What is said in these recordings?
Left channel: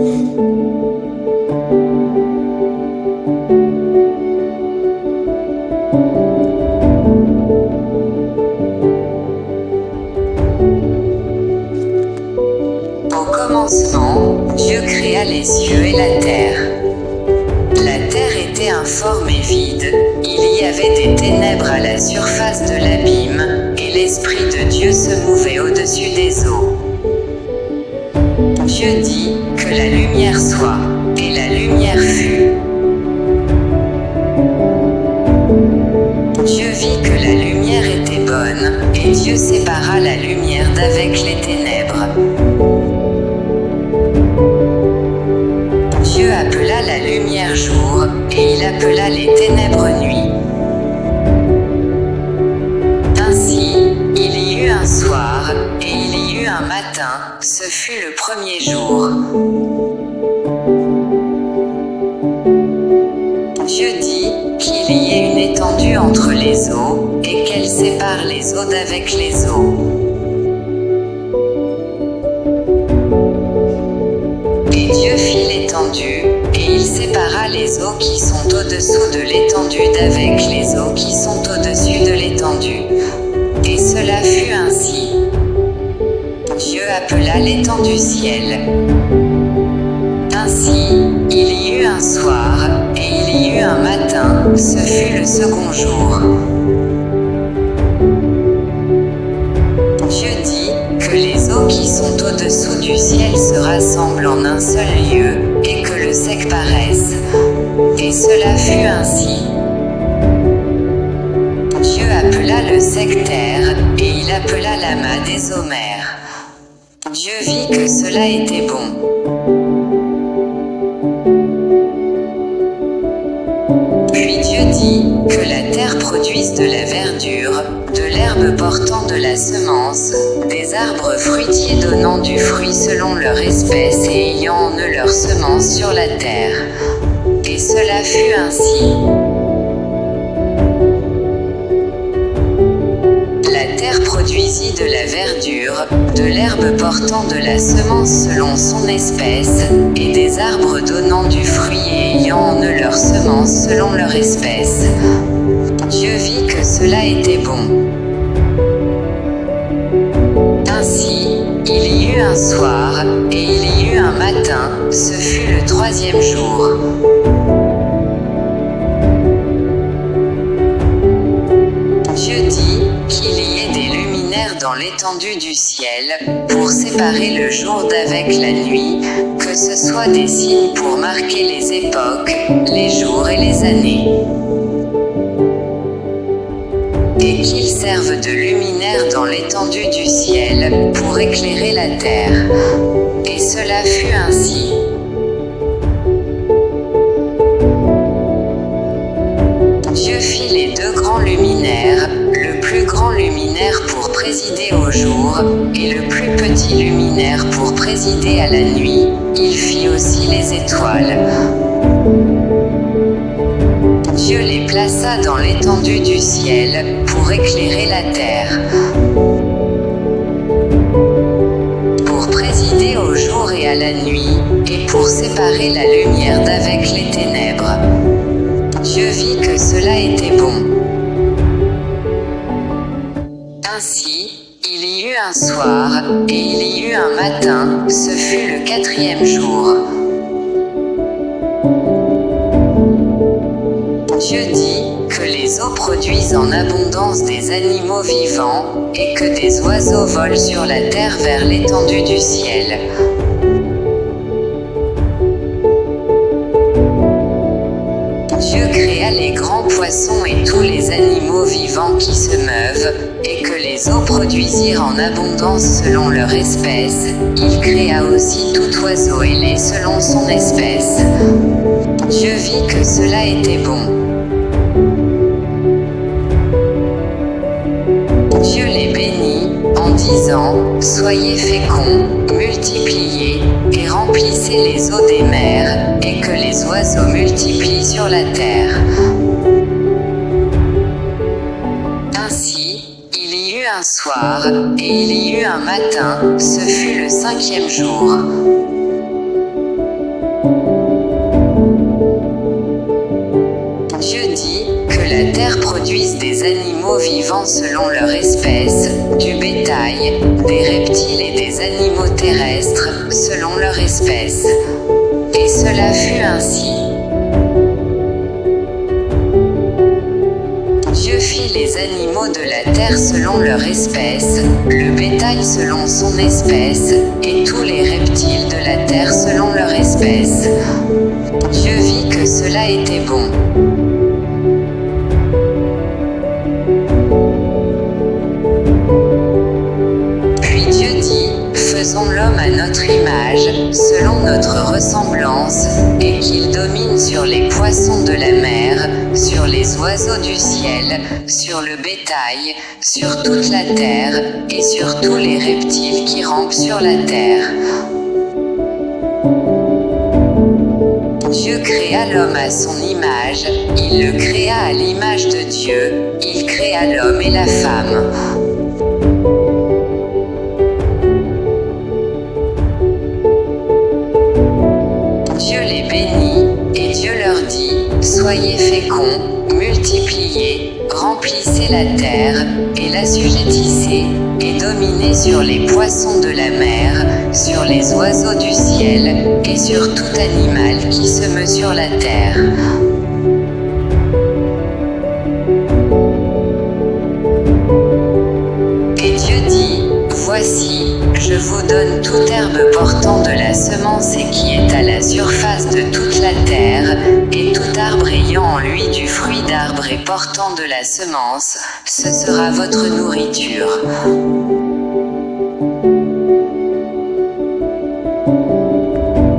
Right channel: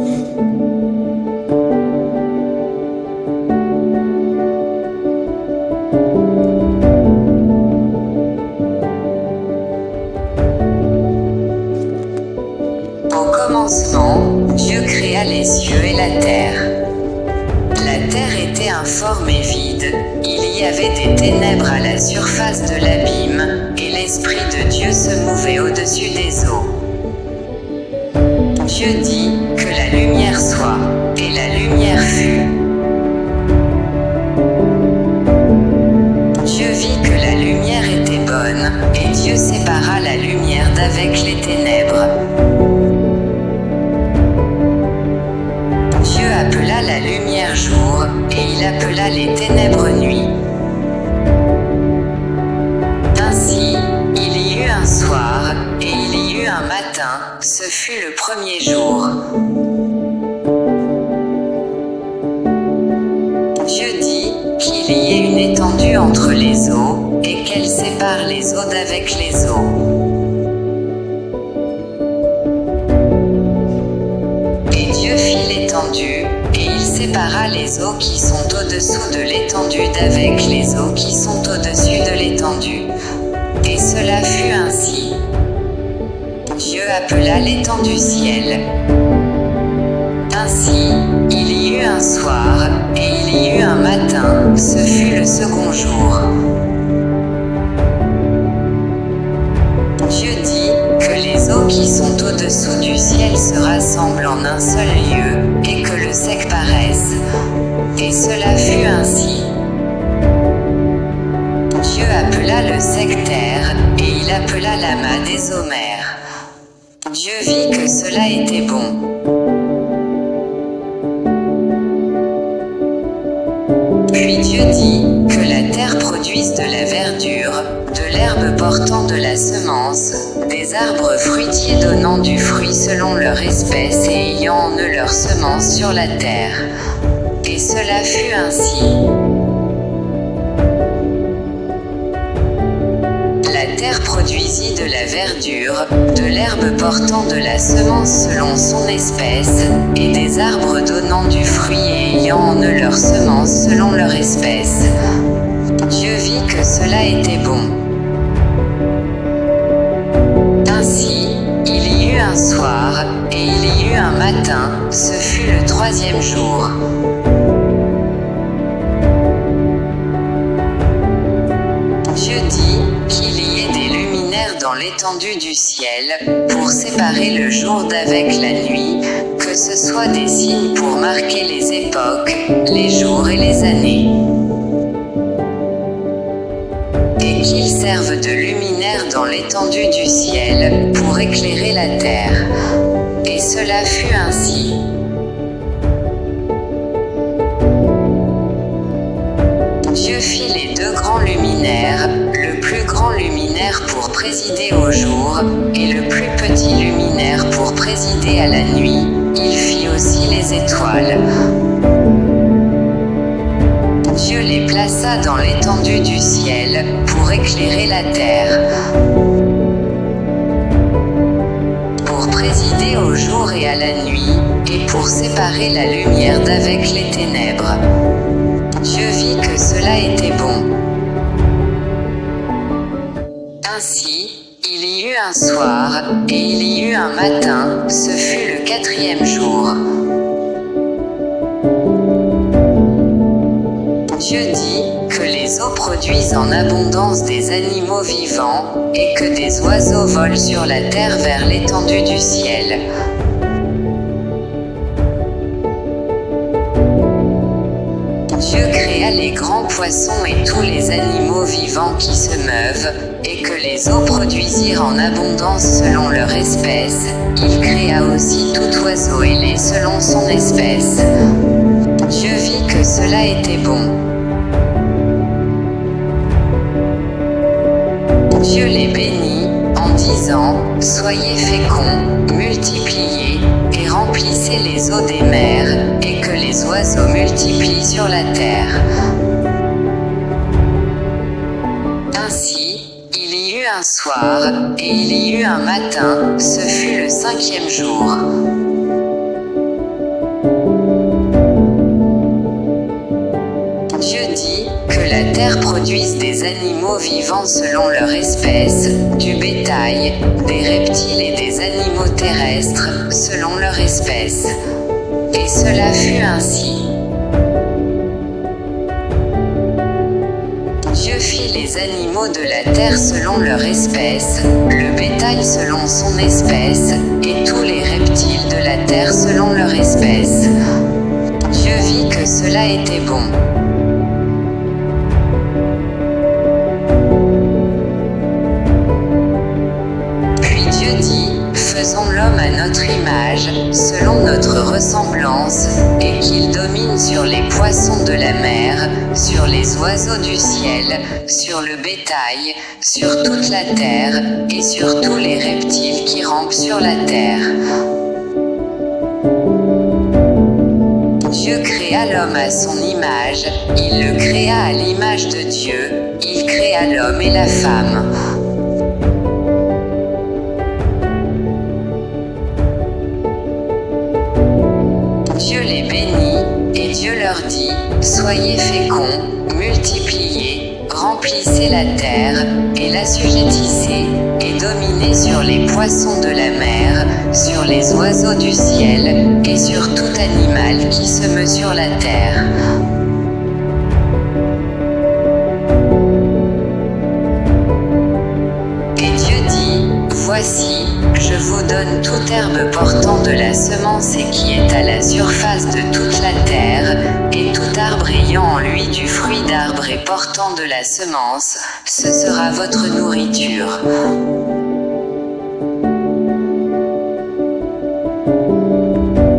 Au commencement, Dieu créa les cieux et la terre. La terre était informe et vide, il y avait des ténèbres à la surface de l'abîme, et l'Esprit de Dieu se mouvait au-dessus des eaux. Dieu dit, que la lumière soit, et la lumière fut. Dieu vit que la lumière était bonne, et Dieu sépara la lumière d'avec les ténèbres. Dieu appela la lumière jour, et il appela les ténèbres nuit. Ainsi, il y eut un soir, et il y eut un matin, ce fut le premier jour. Dieu dit, qu'il y ait une étendue entre les eaux, et qu'elle sépare les eaux d'avec les eaux. Et Dieu fit l'étendue, et il sépara les eaux qui sont au-dessous de l'étendue d'avec les eaux qui sont au-dessus de l'étendue. Et cela fut ainsi. Dieu appela l'étendue ciel. Ainsi, il y eut un soir, et il y eut un matin, ce fut le second jour. Dieu dit, que les eaux qui sont au-dessous du ciel se rassemblent en un seul lieu, et que le sec paraisse. Et cela fut ainsi. Dieu appela le sec terre, et il appela l'amas des eaux mers. Dieu vit que cela était bon. Puis Dieu dit, que la terre produise de la verdure, de l'herbe portant de la semence, des arbres fruitiers donnant du fruit selon leur espèce et ayant en eux leur semence sur la terre. Et cela fut ainsi. La terre produisit de la verdure, de l'herbe portant de la semence selon son espèce, et des arbres donnant du fruit et ayant en eux leur semence selon leur espèce. Dieu vit que cela était bon. Ainsi, il y eut un soir, et il y eut un matin, ce fut le troisième jour. Dieu dit, qu'il y ait des luminaires dans l'étendue du ciel, pour séparer le jour d'avec la nuit, que ce soit des signes pour marquer les époques, les jours et les années. Et qu'ils servent de luminaires dans l'étendue du ciel, pour éclairer la terre. Et cela fut ainsi. Dieu fit les deux grands luminaires, le plus grand luminaire pour présider au jour, et le plus petit luminaire pour présider à la nuit. Il fit aussi les étoiles. Dieu les plaça dans l'étendue du ciel, pour éclairer la terre. Pour présider au jour et à la nuit, et pour séparer la lumière d'avec les ténèbres. Dieu vit que cela était bon. Ainsi, il y eut un soir, et il y eut un matin, ce fut le quatrième jour. Dieu dit, que les eaux produisent en abondance des animaux vivants, et que des oiseaux volent sur la terre vers l'étendue du ciel. Dieu créa les grands poissons et tous les animaux vivants qui se meuvent, et que les eaux produisirent en abondance selon leur espèce. Il créa aussi tout oiseau ailé selon son espèce. Dieu vit que cela était bon. Dieu les bénit, en disant, soyez féconds, multipliez, et remplissez les eaux des mers, et que les oiseaux multiplient sur la terre. Ainsi, il y eut un soir, et il y eut un matin, ce fut le cinquième jour. terre produisent des animaux vivants selon leur espèce, du bétail, des reptiles et des animaux terrestres, selon leur espèce. Et cela fut ainsi. Dieu fit les animaux de la terre selon leur espèce, le bétail selon son espèce, et tous les reptiles de la terre selon leur espèce. Dieu vit que cela était bon. Puis Dieu dit, faisons l'homme à notre image, selon notre ressemblance, et qu'il domine sur les poissons de la mer, sur les oiseaux du ciel, sur le bétail, sur toute la terre, et sur tous les reptiles qui rampent sur la terre. Dieu créa l'homme à son image, il le créa à l'image de Dieu, il créa l'homme et la femme. Dieu les bénit, et Dieu leur dit, soyez féconds, multipliez, remplissez la terre, et l'assujettissez, et dominez sur les poissons de la mer, sur les oiseaux du ciel, et sur tout animal qui se meut sur la terre. Et Dieu dit, voici, je vous donne toute herbe portant de la semence et qui est à la surface de toute la terre, et tout arbre ayant en lui du fruit d'arbre et portant de la semence, ce sera votre nourriture.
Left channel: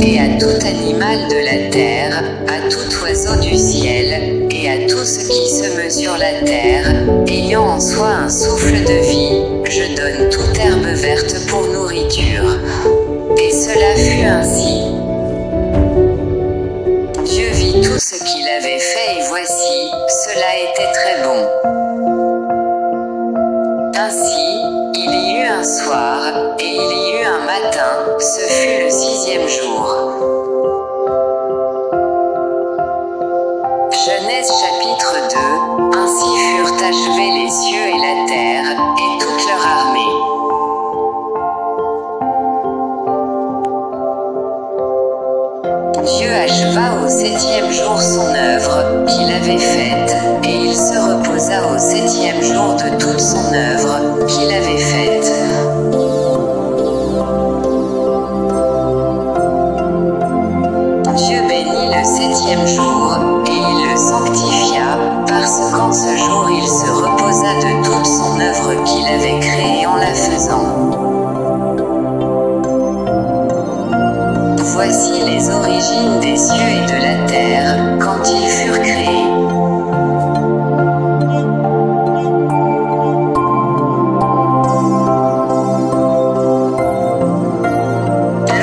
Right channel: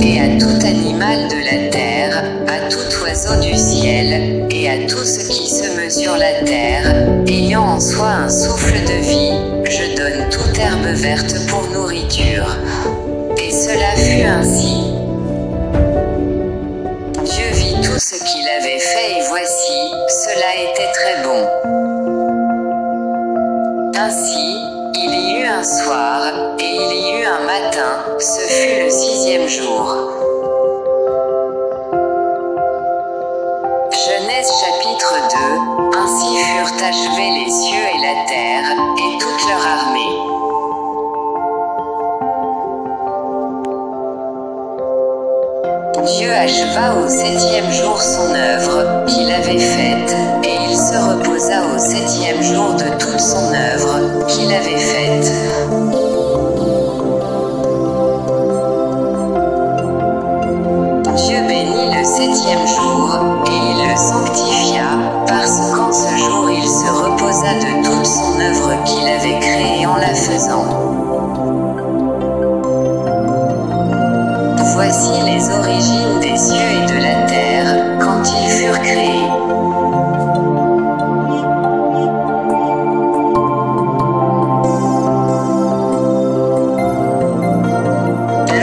Et à tout animal de la terre, à tout oiseau du ciel, et à tout ce qui se meut sur la terre, ayant en soi un souffle de vie, je donne toute herbe verte pour nourriture. Et cela fut ainsi. Dieu vit tout ce qu'il avait fait et voici, cela était très bon. Ainsi, il y eut un soir, et il y eut un matin, ce fut le 6e jour. Genèse chapitre 2, ainsi furent achevés les cieux et la terre, et toute leur armée. Dieu acheva au 7e jour son œuvre, qu'il avait faite, et il se reposa au 7e jour de toute son œuvre, qu'il avait faite. Dieu bénit le 7e jour, et il le sanctifia, parce qu'en ce jour il se reposa de toute son œuvre qu'il avait créée en la faisant. Voici les origines des cieux et de la terre, quand ils furent créés.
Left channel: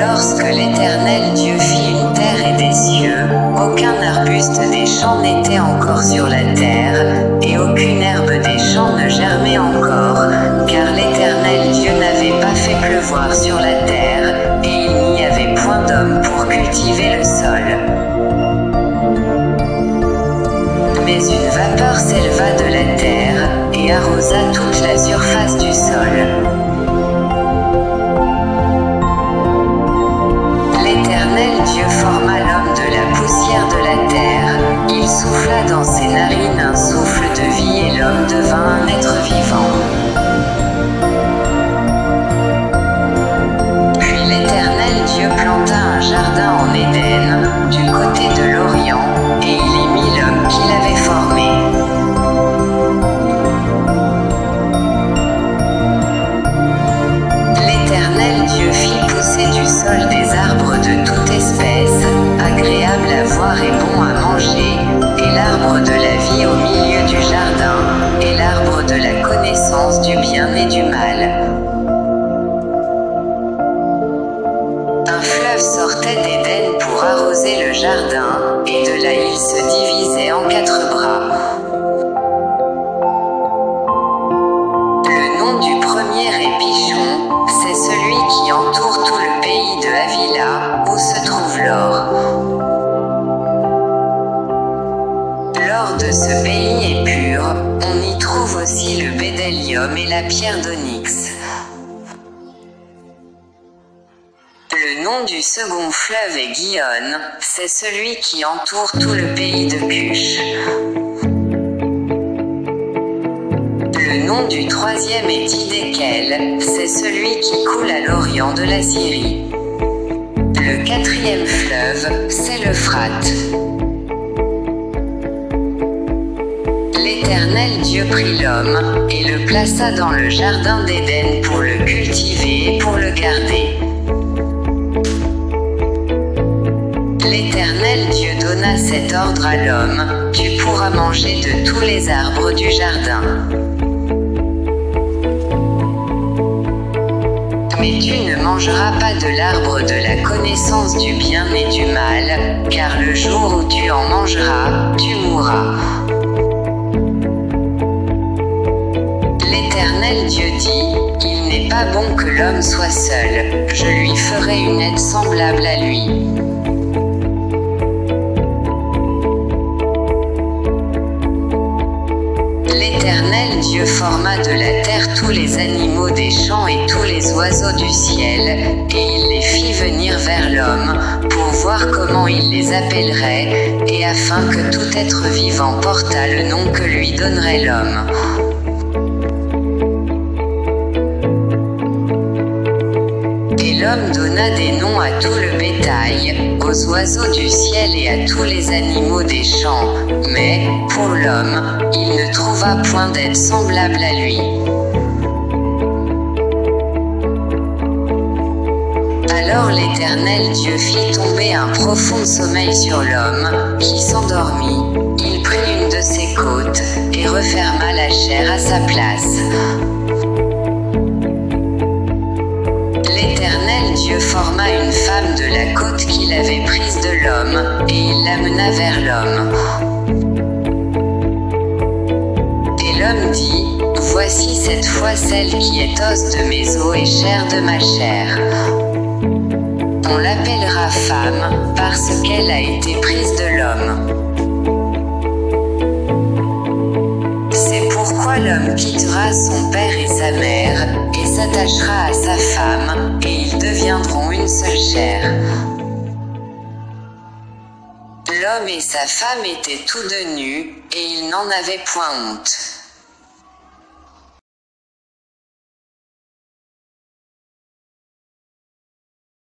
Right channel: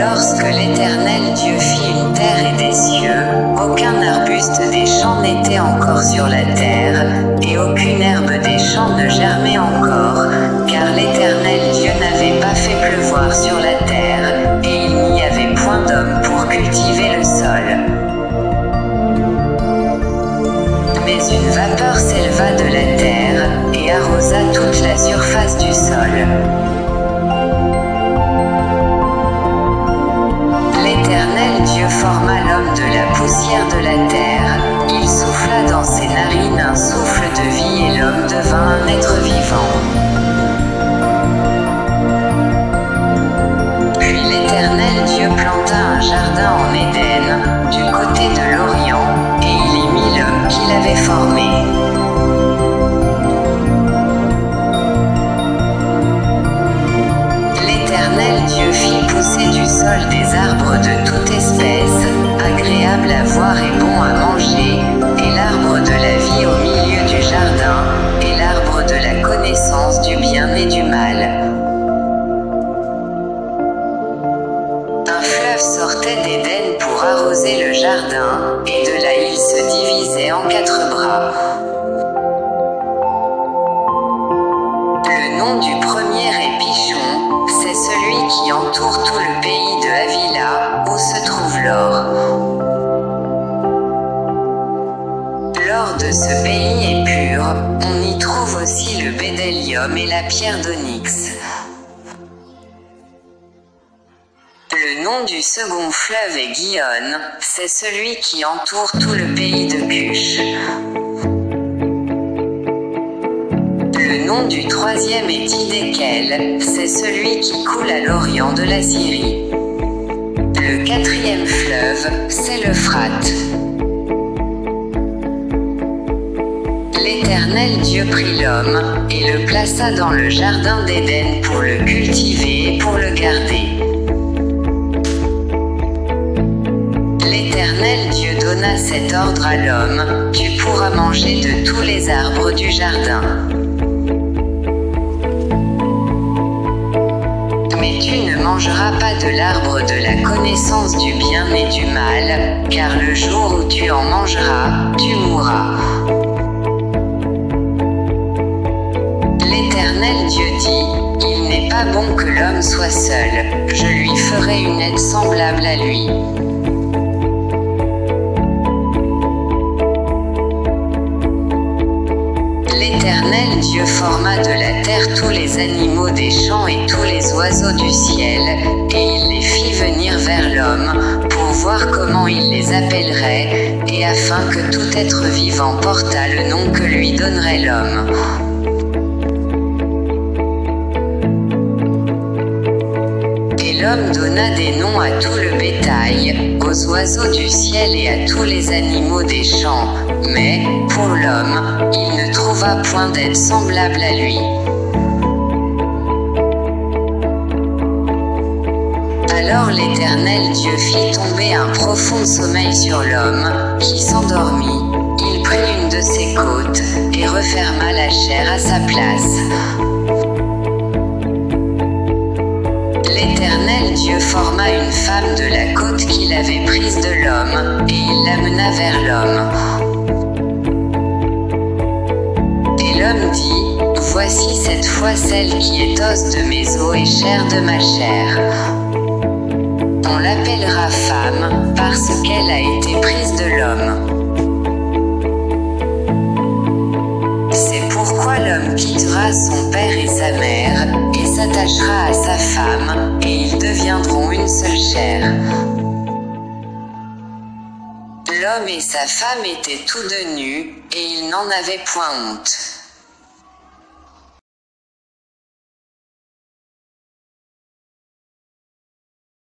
Lorsque l'Éternel Dieu fit une terre et des cieux, aucun arbuste des champs n'était encore sur la terre, et aucune herbe des champs ne germait encore, car l'Éternel Dieu n'avait pas fait pleuvoir sur la terre, et il n'y avait point d'homme pour cultiver le sol. Mais une vapeur s'éleva de la terre, et arrosa toute la surface du sol. L'Éternel Dieu forma l'homme de la poussière de la terre, il souffla dans ses narines un souffle de vie et l'homme devint un être vivant. Puis l'Éternel Dieu planta un jardin en Éden, du côté de l'Orient, et il y mit l'homme qu'il avait formé. L'Éternel Dieu fit pousser du sol des arbres de toute espèce, agréables à voir et bons à manger, et l'arbre de la vie au milieu du jardin, et l'arbre de la connaissance du bien et du mal. Un fleuve sortait d'Éden pour arroser le jardin, et de là il se divisait en 4 bras. Le nom du premier est Pichon, c'est celui qui entoure tout le pays de Havila, où se trouve l'or. L'or l'or de ce pays est pur, on y trouve aussi le bédélium et la pierre d'onyx. Le nom du second fleuve est Gihon, c'est celui qui entoure tout le pays de Cush. Le nom du troisième est Hiddekel, c'est celui qui coule à l'orient de la Syrie. Le quatrième fleuve, c'est l'Euphrate. L'Éternel Dieu prit l'homme, et le plaça dans le jardin d'Éden pour le cultiver et pour le garder. L'Éternel Dieu donna cet ordre à l'homme, tu pourras manger de tous les arbres du jardin. Mais tu ne mangeras pas de l'arbre de la connaissance du bien et du mal, car le jour où tu en mangeras, tu mourras. L'Éternel Dieu dit, il n'est pas bon que l'homme soit seul, je lui ferai une aide semblable à lui. L'Éternel Dieu forma de la terre tous les animaux des champs et tous les oiseaux du ciel, et il les fit venir vers l'homme, pour voir comment il les appellerait, et afin que tout être vivant portât le nom que lui donnerait l'homme. Et l'homme donna des noms à tout le bétail, aux oiseaux du ciel et à tous les animaux des champs, mais, pour l'homme, il ne trouva point d'aide semblable à lui. Alors l'Éternel Dieu fit tomber un profond sommeil sur l'homme, qui s'endormit. Il prit une de ses côtes, et referma la chair à sa place. L'Éternel Dieu forma une femme de la côte qu'il avait prise de l'homme, et il l'amena vers l'homme. Et l'homme dit, voici cette fois celle qui est os de mes os et chair de ma chair. On l'appellera femme, parce qu'elle a été prise de l'homme. C'est pourquoi l'homme quittera son père et sa mère, et s'attachera à sa femme, et ils deviendront une seule chair. L'homme et sa femme étaient tous deux nus, et ils n'en avaient point honte.